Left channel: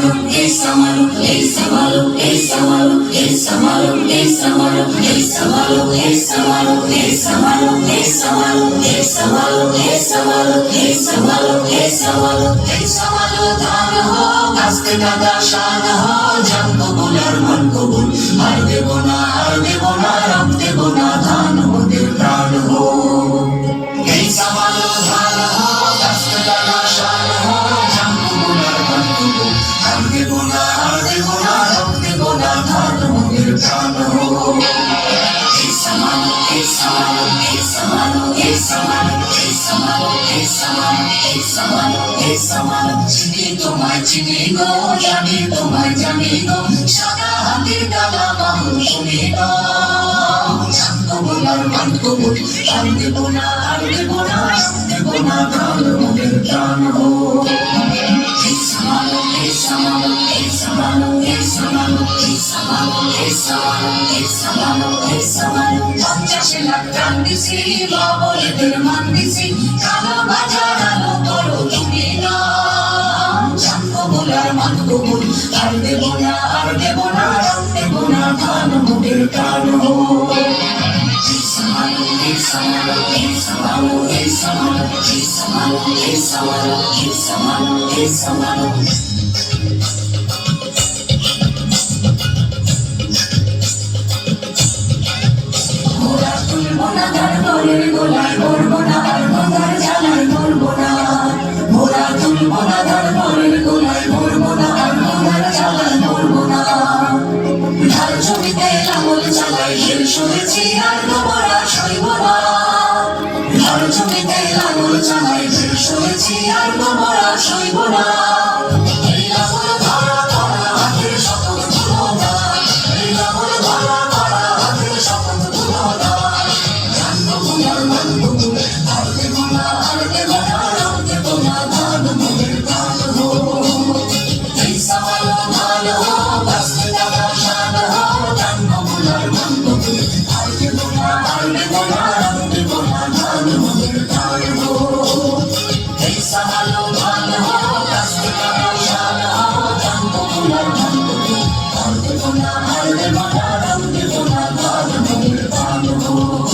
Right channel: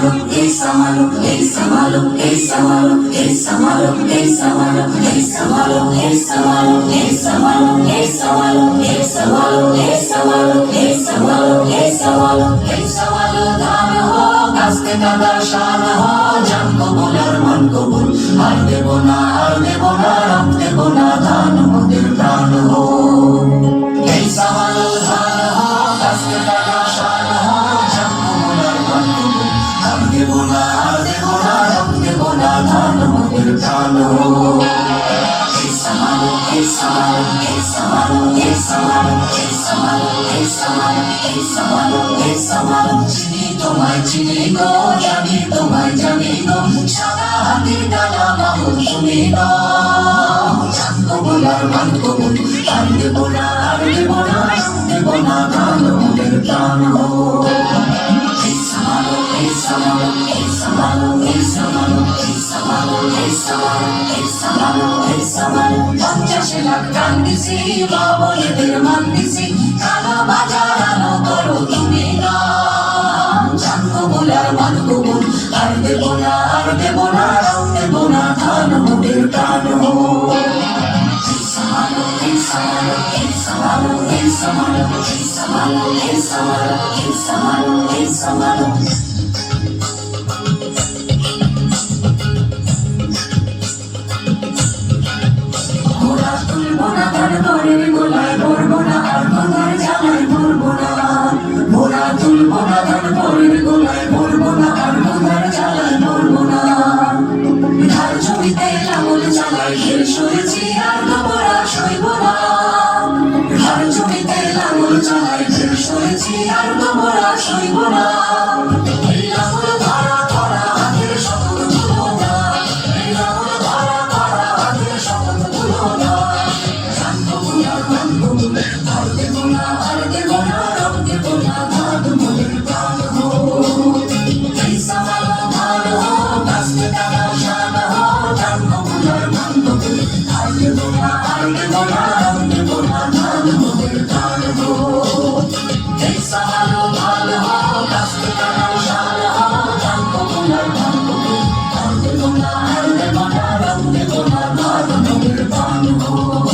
Samaruk, E Samaruk, E Samaruk, E Samaruk, E Samaruk, E Samaruk, E Samaruk, E Samaruk, E Samaruk, E Samaruk, E Samaruk, E Samaruk, E Samaruk, E Samaruk, E Samaruk, दान हो कास्ते का दर्शन हो जन को Buhler मन को bull हर देवो ना हर देवो ना solo Esamalo, esamalo, esamalo, esamalo, esamalo, esamalo, esamalo, esamalo চিনি তোমায় চিনি গো জানি তোমায় জানি গো সাদা হাতের ডালা বাহু শুনি না জানব বোলা মানবো বোলা আর দেবো না আর দেবো না পঞ্চাশ লাখ গান দিছি বাবলেদের মান দিছি কালো বাজারানো করো তুমি না চান কবুল আর মান কবুল আর দেব না আর দেব না রাম দেব না ধান মোদের প্রাণ হো এইসা ভালো এইসা ভালো এইসা ভালো এইসা ঘরের গোলায় ধরবো না গঙ্গার জ্বালায় আর তোমরা সইব না। Oh.